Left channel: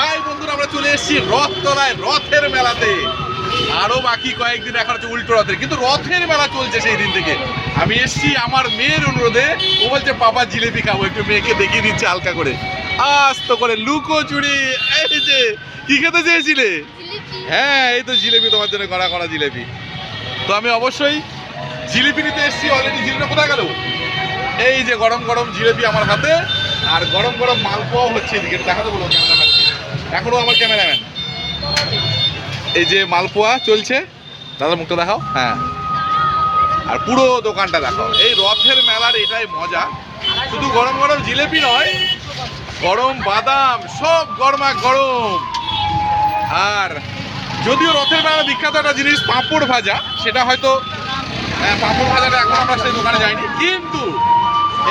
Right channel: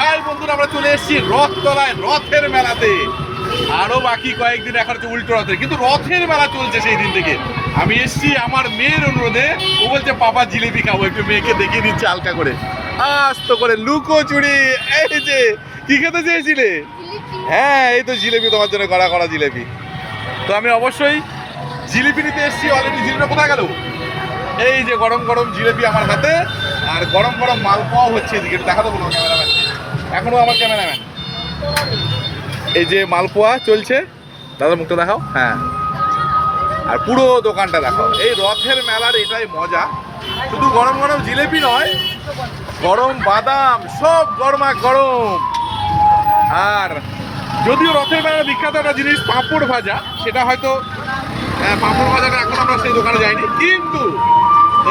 High বন্ধুরা, আমরা চলে এসেছি রথতলায় রথের মেলাতে। আরো বাকি কয়েকদিন এখন হচ্ছে উল্টো রথের, কিন্তু রথের মেলা চলছে সেই দিন থেকে। আমি এসেছি আমার মেয়ের অনুরোধে। ও বলছে পাপা জিলেপি খাবো, একটু মেয়েকে দেখিয়ে দিচ্ছে হালকা করে আস্ত করে লুকোচুরি। এই যে কি খেতে চেয়েছিলে? হ্যাঁ, এই তো জিলেপি তোমার জন্য, কড়া কড়া জিলেপি। তো আমি অবশ্যই জিলিপি নিতে এসেছি। অলরেডি জিলিপিটা কোথায় গেল? এই যে গরম গরম জিলেপি আমার হাতে, আর গরম গরম মালপোয়াও হচ্ছে এদিকে। দেখাতে বলুন ক্যামেরাম্যান, এখনো আমার ক্যামেরাম্যান। এই যে মালপোয়া চলছে, দাদার মুখটা দেখাও। হ্যাঁ, আর পুরো দোকানটা দেখাও। এই রথের মেলার এটাই মজা, শুধু গরম গরম জিলেপি নয়, গরম বাদাম, সব গরমা গরম। আর যদিও রথের মেলার বিখ্যাত একটা জিনিস পাঁপড় ভাজা, সেটা হয়তো পাঁপড় ভাজাটা এখন আমরা সেই দোকানে যাইনি, কিন্তু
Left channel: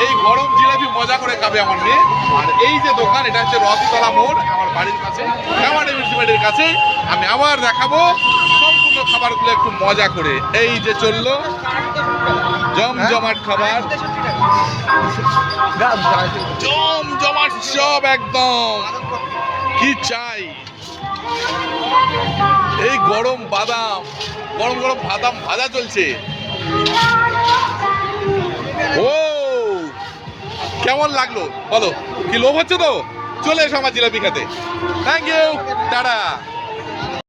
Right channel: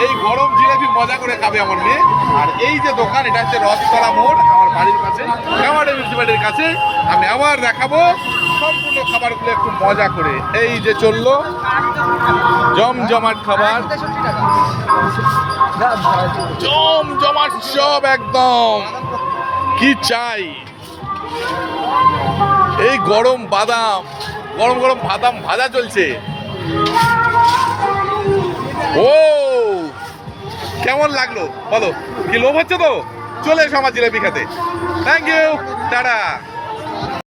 এই গরম জিলাপি মজা করে খাবে আমার মেয়ে। আর এই যে দোকান, এটা হচ্ছে রথতলা মোড়, আমার বাড়ির কাছে, আমার মিউনিসিপ্যালিটির কাছে। আমি আবার দেখাবো সম্পূর্ণ খাবারগুলো একটু মজা করে। এই যে চললো জমজমাট খাবার, জমজমাট সব একদম। কি চাই? এই গরম বাদাম, গরম গরম বাদাম ভাজা চলছে। ও কেমন লাগলো বলো? কি লোভ হচ্ছে তো? চলে এসো আমার জিলাপি খেতে। Thank you, tata.